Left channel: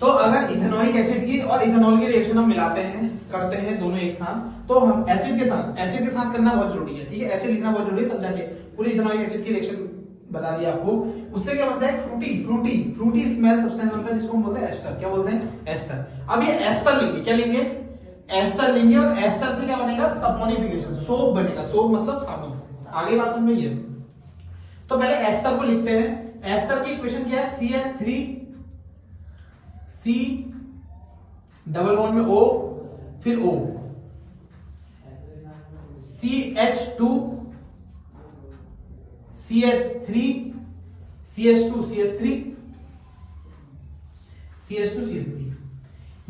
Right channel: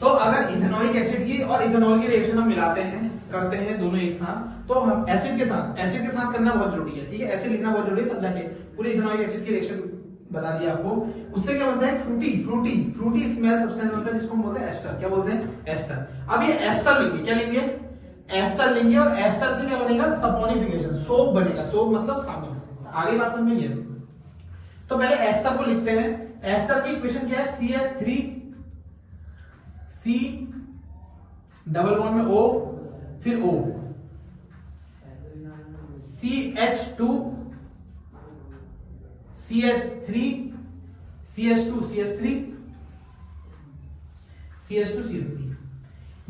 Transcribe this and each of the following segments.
तो अगर ethanoic acid की और इथेनॉल की रिएक्शन हम मिलाते हैं, करते हैं दोनों एक साथ, तो हम एसिड के साथ करना बहुत जरूरी है, ठीक है, एसिड लिखना बहुत जरूरी है, तब जाके पूरी इथेनॉइक एसिड की रिएक्शन बता दिया आपको। उससे क्या बनता है, फ्रूटी स्मेल सब्सटेंस बनता है, जिसको हम बोलते हैं एस्टर। क्या बोलते हैं, एस्टर। अब ये एस्टर लेंगे, क्या लेंगे, एस्टर लेंगे, और एस्टर से क्या बनेगा, सपोनिफिकेशन, सोप बनेगा, सोप मतलब साबुन। आगे बात समझ में ये। तो पहले एस्टर को लिखते हैं। एस्टर की इक्वेशन क्या है, CH3 C डबल बॉन्ड में O, फिर O, CH2 CH3 CH2 CH3 CH2 CH3,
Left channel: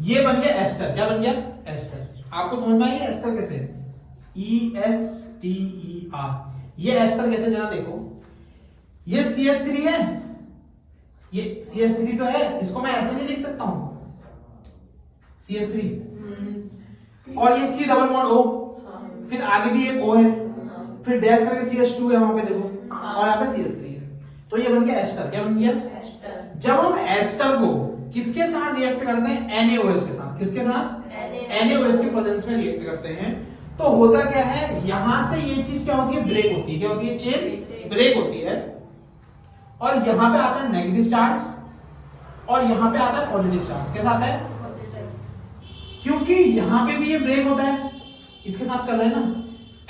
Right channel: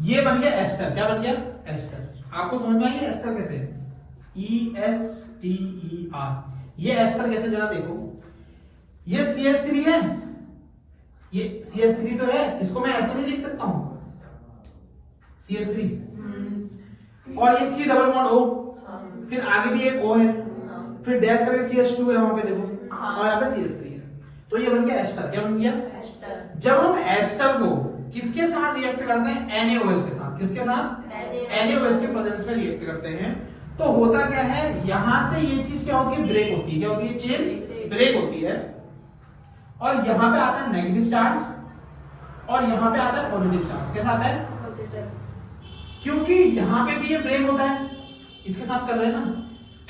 ये बन गया एस्टर। क्या बन गया, एस्टर। आपको समझ में आई एस्टर कैसे, ESTER, ये एस्टर कैसे, जरा देखो, ये CH3 है, ये CH3 तो है, इसको मैं ऐसे नहीं लिख सकता हूं, CH3, और ये C डबल बॉन्ड O, फिर आगे भी एक O है, फिर डैश करके CH2 है वहां पे देखो, और यहाँ पे CH3 है, तो ये बन गया एस्टर। क्या बन गया, एस्टर। जब हम एस्टर को किसके साथ रिएक्ट करते हैं, NaOH के साथ, किसके साथ, NaOH के प्रेजेंस में रिएक्ट करते हैं, तो होता क्या है, यहां से ये चीज क्या होती है, ब्रेक होती है। क्या होती है, चेन ब्रेक होती है, और यहां पे आता है नेगेटिव चार्ज, और यहां पे आता है पॉजिटिव चार्ज। कैसा आता है, क्योंकि यहां पे भी ये ब्रेक होता है, इसके साथ कर रहे हैं ना,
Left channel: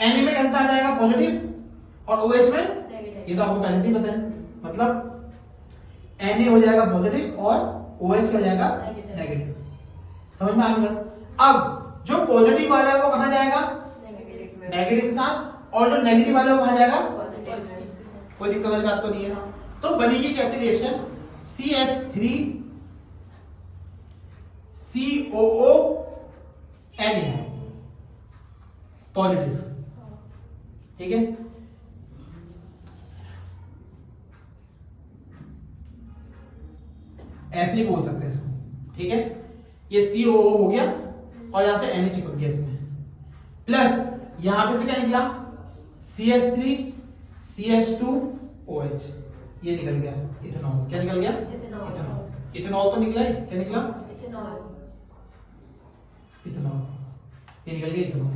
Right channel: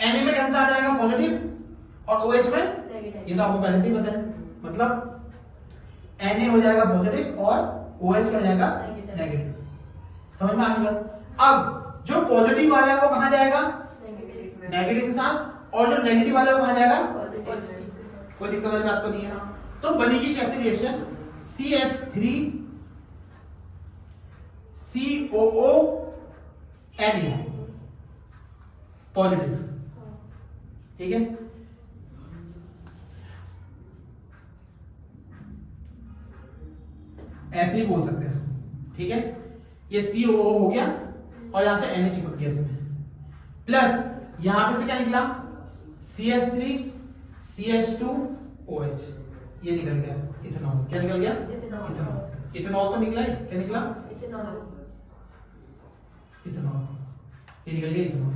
Na में कैसा आ जाएगा, पॉजिटिव, और OH में नेगेटिव। ये तो आपको पहले से ही पता है, मतलब Na हो जाएगा पॉजिटिव और OH का जाएगा नेगेटिव। समझ में आ गया। अब जो पॉजिटिव वाला है वो कहां जाएगा, नेगेटिव के साथ, और जो नेगेटिव वाला है वो कहां जाएगा, पॉजिटिव। कोई दिक्कत वाली बात तो नहीं है। तो बनेगी कैसे reaction, CH3 COO Na positive, ठीक है। ऐसे ही बोल सकते हैं इसको, ठीक है। ये COO हो गया, और यहां से Na चिपक गया इसमें, प्लस यहां पे से क्या निकला, CH3 CH2OH, ये निकल गया इथेनॉल। क्या निकल गया, इथेनॉल। इथेनॉल तो निकला है, क्या निकला, इथेनॉल, ये निकल गया इथेनॉल।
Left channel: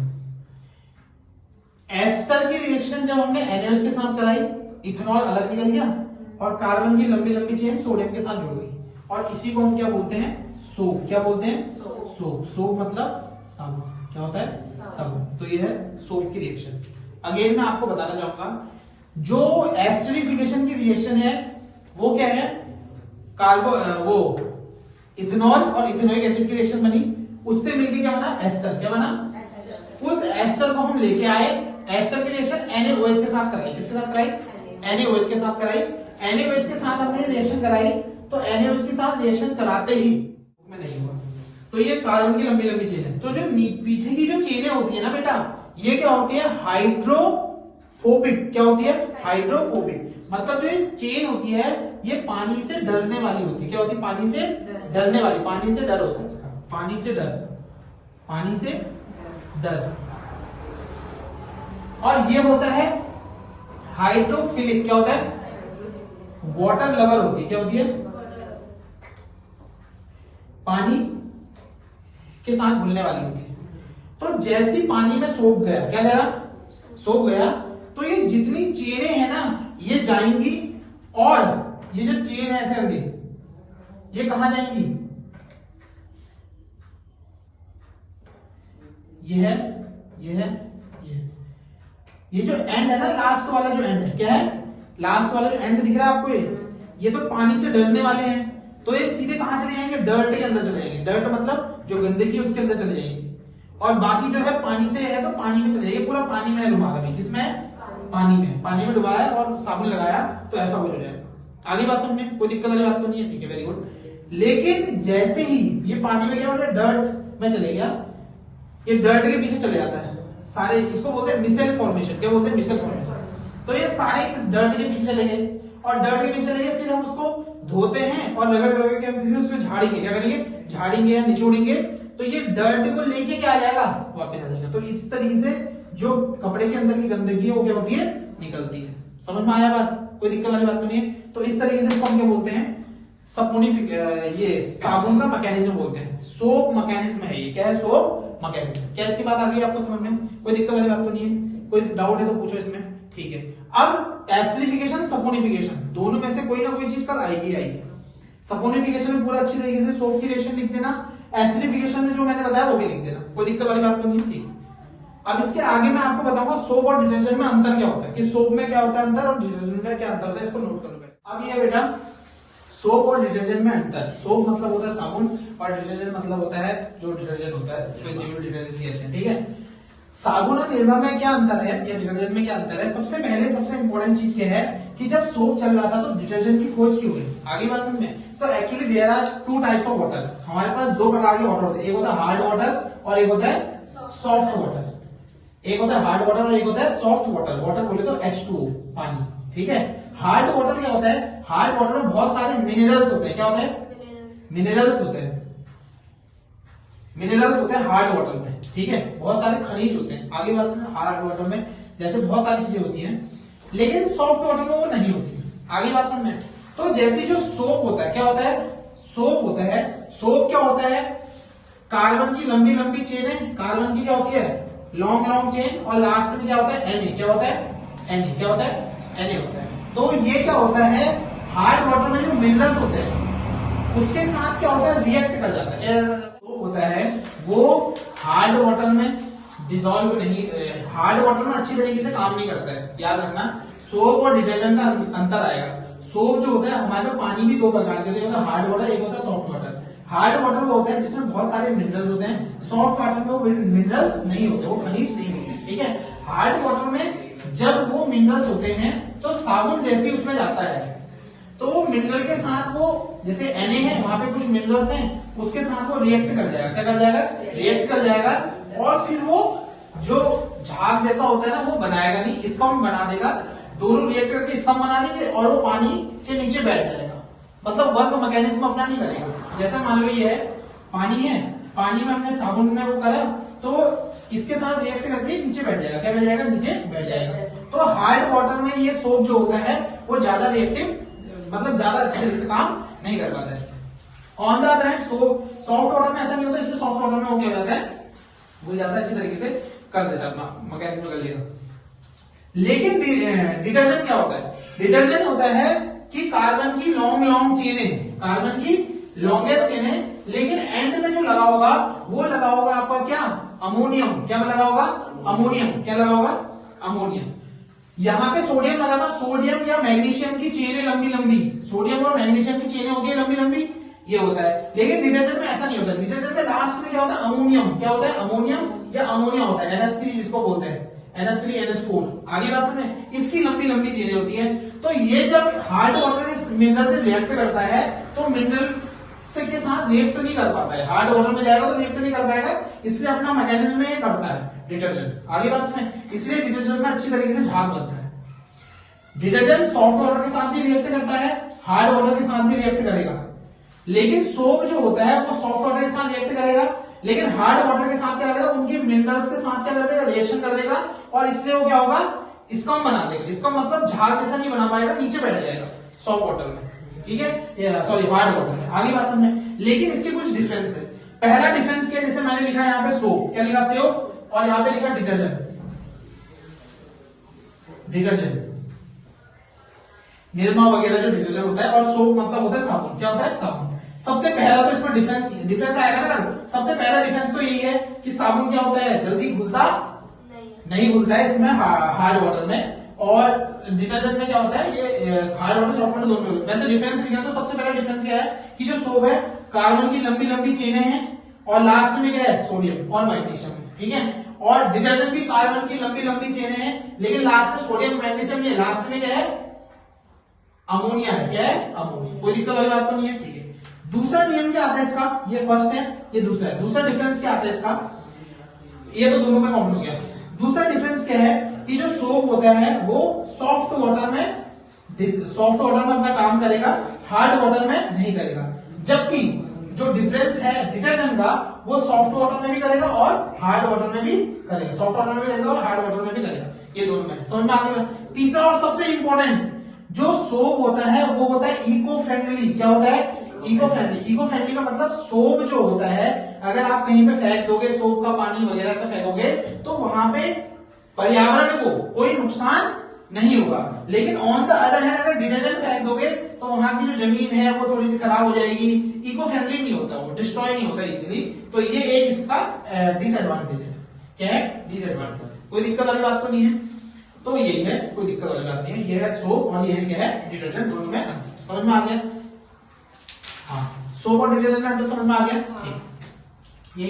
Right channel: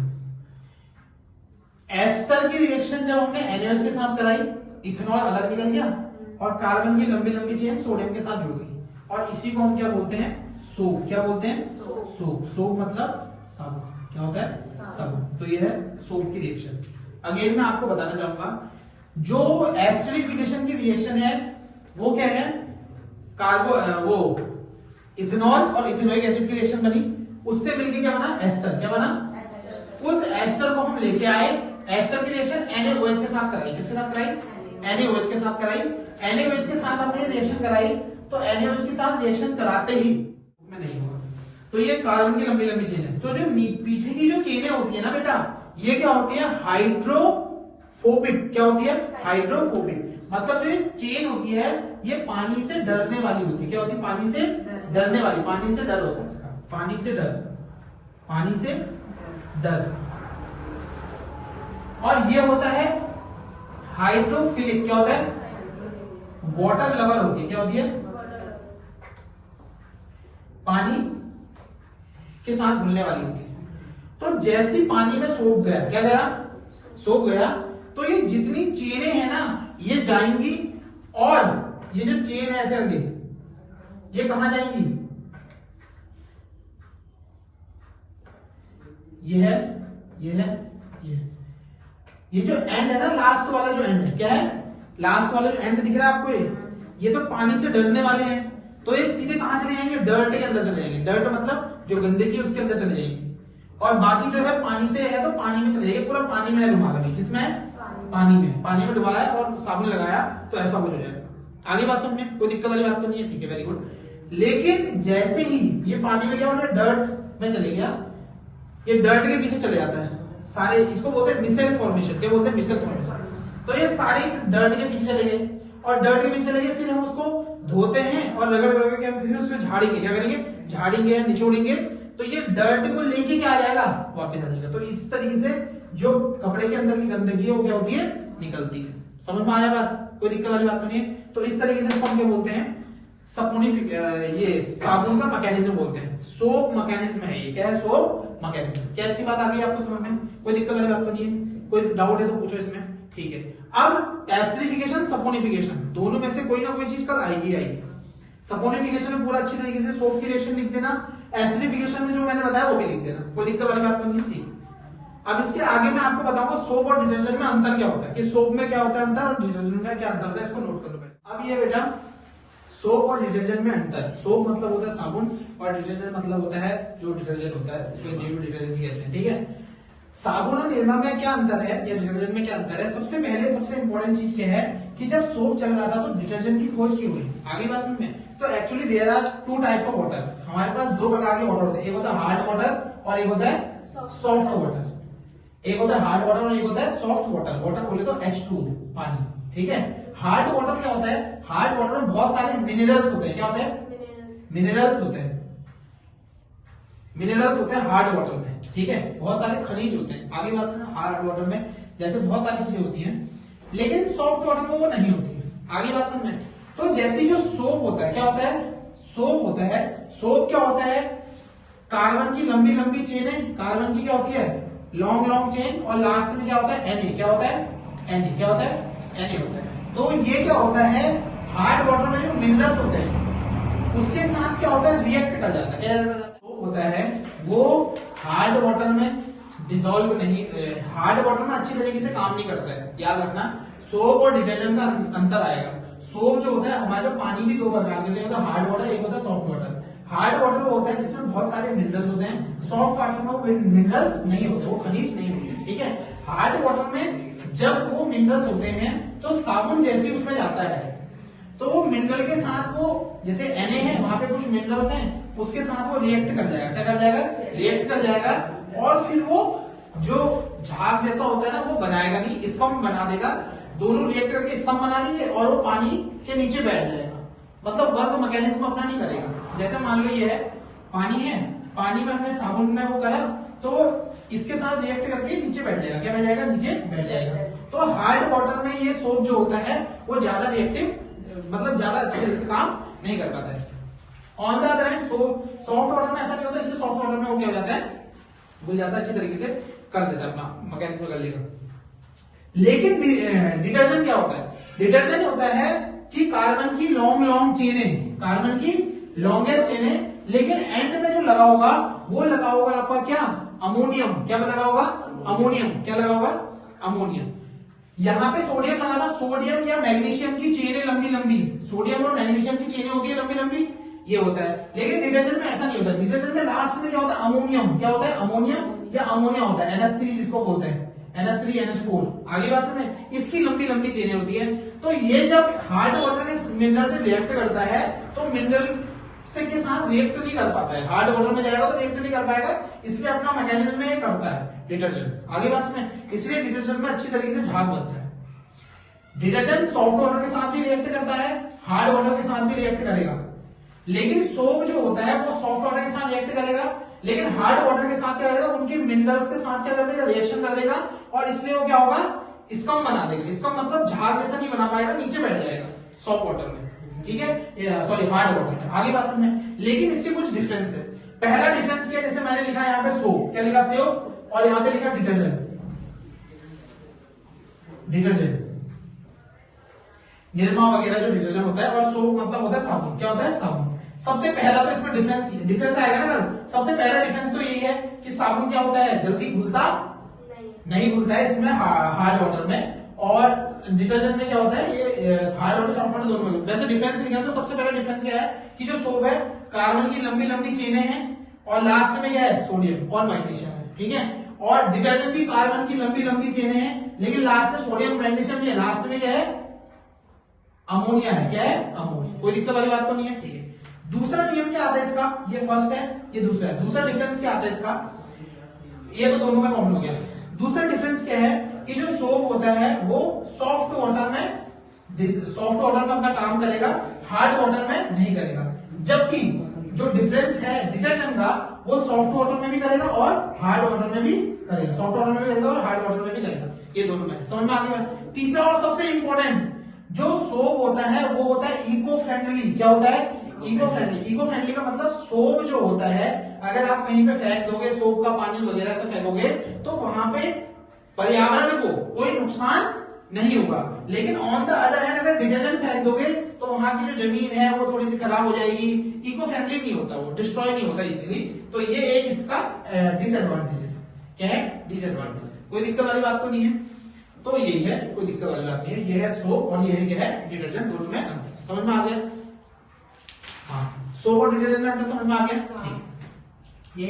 एस्टर की रिएक्शन जब हमने NaOH के साथ कराई, इथेनॉल अलग निकल गया, और कार्बन की लंबी लंबी चेन सोडियम के साथ जुड़ गई, और इसी को हम क्या बोलते हैं, सोप। क्या बोलते हैं, सोप। सोप मतलब साबुन। क्या होता है, साबुन। तो ये है सोप की रिएक्शन। अगेन मैं आपको बताना चाहूंगा, जो एस्टरिफिकेशन की रिएक्शन है वो क्या है, वो इथेनॉल और इथेनोइक एसिड की रिएक्शन बनी, उससे मिलकर क्या बना, एस्टर। क्या बना, एस्टर। उस एस्टर को हम लेके आए, एस्टर की रिएक्शन NaOH के साथ कराई। किसके साथ कराई, NaOH के साथ कराई। NaOH के साथ हमने रिएक्शन कराई, तो NaOH के साथ रिएक्शन कराते ही में नहीं हुआ, तो ये कार्बन की लंबी लंबी चेन है। तो जो पीछे की जो चेनें होती है ना बेटा, ये क्या होती है, हाइड्रोफोबिक। क्या होती है, हाइड्रोफोबिक। मतलब जो ये चेन होती है, ये पानी से डरने वाली होती है। क्या होती है, पानी से डरने वाली, पानी से डर होता है इसका, पानी से डर, पानी से डर। और ये होता है हाइड्रोफिलिक। क्या होता है, वाटर लवर होती है। क्या होती है, पानी के साथ घुलने वाली होती है। तो जैसी पानी में सोख गया, क्या गया, सोख गया, तो ये जितनी चेनें हैं ना, ये जाएंगी, और ये जो चेन है ऐसे करके, ये कहां जाएंगी, ये है, ये है, ये है। ये जो एंड है ना, लास्ट वाला जो एंड है, क्या है, लास्ट वाला जो एंड दिख रहा है आपको, ये तो पानी से डरने वाले हैं, तो ये सीधे कहां चले जाएंगे, डर्ट के अंदर चले जाएंगे। डर्ट मतलब जो गंदगी है उसके अंदर चले जाएंगे, और बाकी जो है पानी से है तो पानी में चले जाएंगे। पूरा पानी में डुबा रहे हैं, किसमें, पानी में, पानी में डुबाया और साबुन लगाया, तो ऐसा कुछ हो जाएगा। आगे बात समझ में, कोई दिक्कत वाली बात तो नहीं है, ठीक है, वेरी गुड। लेकिन जैसे ही ये पानी में क्या हो रहा है, डर्ट में चले गया, ये डर्ट के पीछे चले जाता है सारे, इसको बोलते हैं मिसेल फॉर्मेशन। क्या बोलते हैं, मिसेल फॉर्मेशन। तो ये सारे इस डर्ट के पीछे चले गए, और डर्ट के पीछे चले गए, फिर हम उसको धोते हैं और रगड़ रगड़ के फिर उसको झाड़ेंगे। क्या करेंगे, झाड़ेंगे या निचोड़ेंगे, तो ये डर्ट को लेके क्या आ जाएगा, वापस आ जाएगा। तो इस तरीके से जो कपड़े के अंदर की गंदगी है वो क्या होती है, निकलती है। समझ में आया बात, कोई दिक्कत वाली बात तो नहीं है। तो इस तरीके से इसको हम क्या बोलते हैं, ये साबुन का मैकेनिज्म बोलते हैं, सोप मैकेनिज्म है ये। क्या है? Soap mechanism. क्या इतनी बात आ गई आपको समझ में? कोई दिक्कत वाली बात तो नहीं है? कोई डाउट है तो पूछो इसमें। ठीक है, अब एसिडिफिकेशन सपोनिफिकेशन दोनों में से कोई ना कोई चीज कल आएगी आएगी। सपोनिफिकेशन में पूरा अच्छी तरीके से सोप की रिएक्शन लिख देना, एसिडिफिकेशन में जो मैंने बताया वो भी लिख देना, कोई दिक्कत वाली बात तो नहीं है। ठीक है, अब इसके आगे मैं आपको बताऊंगा सोप और डिटर्जेंट में अंतर क्या होता है, कि सोप में क्या होता है अंतर और डिटर्जेंट में क्या अंतर होता है, इसको नोट कर लो। अब ये बेटा सोप और डिटर्जेंट में अंतर। सोप मतलब होता है साबुन और डिटर्जेंट मतलब होता है जो डिटर्जेंट होता है, जो इंडिविजुअल डिटर्जेंट कहते हैं। ठीक है, साबुन और निरमा में क्या अंतर है या डिटर्जेंट में क्या अंतर है? सबसे पहले सबसे इंपॉर्टेंट चीज क्या है कि जब सोप चल रहा था तो डिटर्जेंट की खोज की हुई। आगे बात में तो actually there are two types of water. हमारे पास दो प्रकार के वाटर होते हैं, एक होता है हार्ड वाटर और एक होता है सॉफ्ट वाटर। एक होता है हार्ड वाटर और एक होता है सॉफ्ट वाटर। वाटर बोले तो H2O पानी। ठीक है, हार्ड वाटर क्या होता है? हार्ड वाटर में बहुत सारे मिनरल्स होते हैं। क्या होते हैं? मिनरल्स होते हैं। मिनरल्स होते हैं हार्ड वाटर में। ठीक है, बहुत सारे खनिज होते हैं। आगे बात सुनो, हार्ड वाटर में जैसे बहुत सारी चीजें होती हैं, लेकिन सॉफ्ट वाटर में वो नहीं होती है। आगे बात समझ में, तो जैसे जो सोप होता है, क्या होता है? सोप होता है। सोप क्या होता है? कार्बन की लंबी लंबी चेनें, कार्बन की क्या होती है? लॉन्ग लॉन्ग चेन, और लास्ट में क्या होता है? Na। क्या होता है? Na। क्या होता है? Na होता है। तो ये क्या होता है? हार्ड वाटर में जो मिनरल्स होते हैं उसके साथ क्या होता है? रिएक्ट कर जाता है। तो होता है वो हार्ड वाटर में डिसॉल्व नहीं, हार्ड वाटर में अच्छी तरीके से काम नहीं करता है। याद रखना, सोप और डिटर्जेंट का अंतर आएगा। सोप जो होता है, हमारे पानी भी दो प्रकार के होते हैं, एक होता है हार्ड वाटर, एक होता है सॉफ्ट वाटर। हार्ड वाटर वो होता है जिसमें बहुत सारे मिनरल्स होते हैं, सॉफ्ट वाटर में वो मिनरल्स नहीं होते, वो खनिज नहीं होते। ठीक है, हार्ड वाटर में जब वो मिनरल्स होते हैं तो साबुन जैसे उसमें जाता है तो वो मिनरल के साथ वो, जैसे Na है वहां पे कुछ मिनरल्स हैं, उसके साथ वो रिएक्ट कर जाएगा। क्या कर जाएगा? रिएक्ट कर जाएगा, और फिर वो जो झाग जैसा होता है ना वो बनाएगा नहीं, इसको हम बना देगा। दोनों रिएक्ट करके इसका बना देंगे और वो पानी के नीचे बैठ जाएगा, मतलब वर्क मैकेनिज्म अपना नहीं करेगा। जैसे मान लो ये है पानी है, पानी में हमने साबुन में वो करा तो इसके साथ रिएक्ट करके नीचे बैठ जाएगा। क्या बैठ जाएगा? नीचे बैठ जाएगा। तो हार्ड वाटर में ये सोप जो होता है वो ज्यादा रिएक्टिव, मतलब ज्यादा अच्छे से काम नहीं कर पाता है। On the other hand soft water में ऐसा नहीं होता, इसलिए सॉफ्ट वाटर में वो क्या जाता है? वो ज्यादा अच्छी तरीके से कर देता है, अपना मैकेनिज्म कर लेगा। लेकिन डिटर्जेंट क्या होता है? डिटर्जेंट होता है कि कार्बन की लॉन्ग लॉन्ग चेनें, कार्बन की लॉन्गेस्ट चेनें, लेकिन एंड में जो लगा होगा वो लगा होगा आपका क्या? अमोनियम। क्या लगा होगा? अमोनियम। क्या लगा होगा? अमोनियम। यहाँ पे सोडियम लगा था, सोडियम या मैग्नीशियम की चेनें लंबी लंबी, सोडियम और मैग्नीशियम की चेनें होती है लंबी लंबी, ये होता है। लेकिन डिटर्जेंट में ऐसा नहीं होता। डिटर्जेंट में लास्ट में क्या होता है? अमोनियम। क्या होता है? अमोनियम या अमोनिया होता है, NH3 जिसको बोलते हैं, NH3 NH4। आगे बात में इसकी लंबी लंबी चेनें होती है। तो ये जब हार्ड वाटर के मिनरल से रिएक्ट करता है तो मिनरल से के साथ रिएक्ट नहीं कर पाता है, हार्ड वाटर में जाएगा तो रिएक्ट नहीं कर पाएगा, इसलिए अपना मैकेनिज्म में करता है डिटर्जेंट। आगे बात में, इसलिए डिटर्जेंट में अच्छी तरीके से झाग बनता है। डिटर्जेंट सॉफ्ट वाटर के साथ भी रिएक्ट करता है, हार्ड वाटर के साथ भी रिएक्ट करेगा, लेकिन सोप जो होता है वो सॉफ्ट वाटर के साथ रिएक्ट करेगा, लेकिन हार्ड वाटर के साथ क्या करेगा? उनके मिनरल्स के साथ क्या कर देगा? रिएक्शन कर देगा, और इसलिए वो क्या होगा? इसका बना देगा। इसका मतलब झाग जैसा नहीं बना पाएगा, नीचे बैठ जाएगा सॉफ्ट वाटर में। ठीक है, सॉरी हार्ड वाटर में। आगे बात समझे, लेकिन इसके कुछ डिफरेंस है। पहला डिफरेंस क्या है? जैसे मैंने लिखा यहाँ पे सोप, क्या लिखा? सोप, और यहाँ पे लिखा डिटर्जेंट। डिटर्जेंट निरमा वगैरह जो डिटर्जेंट होता है, और सोप मतलब होता है साबुन। क्या होता है? साबुन। सबसे पहला तो इसमें डिफरेंस आएगा ना। सबसे पहला डिफरेंस तो यही है कि साबुन क्या होता है? जल्दी घुलता नहीं घुलता है इसमें हार्ड वाटर में, और डिटर्जेंट में क्या होता है? ये हार्ड वाटर सॉफ्ट वाटर दोनों में। वैसे डिफरेंस लिखा तो सबसे पहला डिफरेंस क्या है कि जो सोप है कार्बन की लंबी लंबी चेनें हैं, और लास्ट में क्या है? सोडियम और मैग्नीशियम। ठीक है, और डिटर्जेंट भी कार्बन की लंबी लंबी चेनें हैं, लेकिन लास्ट में सोडियम मैग्नीशियम, ये लास्ट में क्या है? अमोनिया है। क्या है? अमोनिया। कोई दिक्कत वाली बात तो नहीं है। ठीक है, दूसरा नियम क्या आता है इसका? ये फर्स्ट है, ये दूसरा है। दूसरा डिफरेंस क्या आता है इसका? ये तो दोनों में कॉमन हो गया। दूसरा डिफरेंस क्या है कि जो सोप होता है वो सॉफ्ट वाटर में अपना काम करेगा, हार्ड वाटर में नहीं करेगा। जबकि जो डिफरेंस है डिटर्जेंट का, वो सॉफ्ट वाटर में भी करेगा और हार्ड वाटर में भी करेगा। सॉफ्ट वाटर में भी करेगा और हार्ड वाटर में भी करेगा, ये दोनों में। समझ में आ गया? तीसरा और सबसे इंपॉर्टेंट जो सोप होता है वो होता है इको फ्रेंडली। क्या होता है? Eco friendly. इको फ्रेंडली का मतलब सोप जो होता है अगर आप कहीं पे फेंक दोगे, सोप का पानी वगैरह से फेंकोगे तो वहां पे पर्यावरण को कोई नुकसान नहीं होगा। लेकिन ऑन द अदर हैंड अगर डिटर्जेंट फेंक दोगे तो वहां की जो जमीन है वो थोड़ी सी खराब हो जाएगी। इको फ्रेंडली नहीं होता, वो डिस्ट्रॉय नहीं होता इजीली। तो ये एक इसका डिसएडवांटेज है। क्या है? डिसएडवांटेज। कोई दिक्कत वाली बात तो नहीं है। तो यही है, कोई दिक्कत वाली बात नहीं है। ये है सोप और ये है क्या है? डिटर्जेंट। दोनों में अंतर समझ में आ गया? हाँ, सोप और डिटर्जेंट में अंतर समझ में आ गया। ये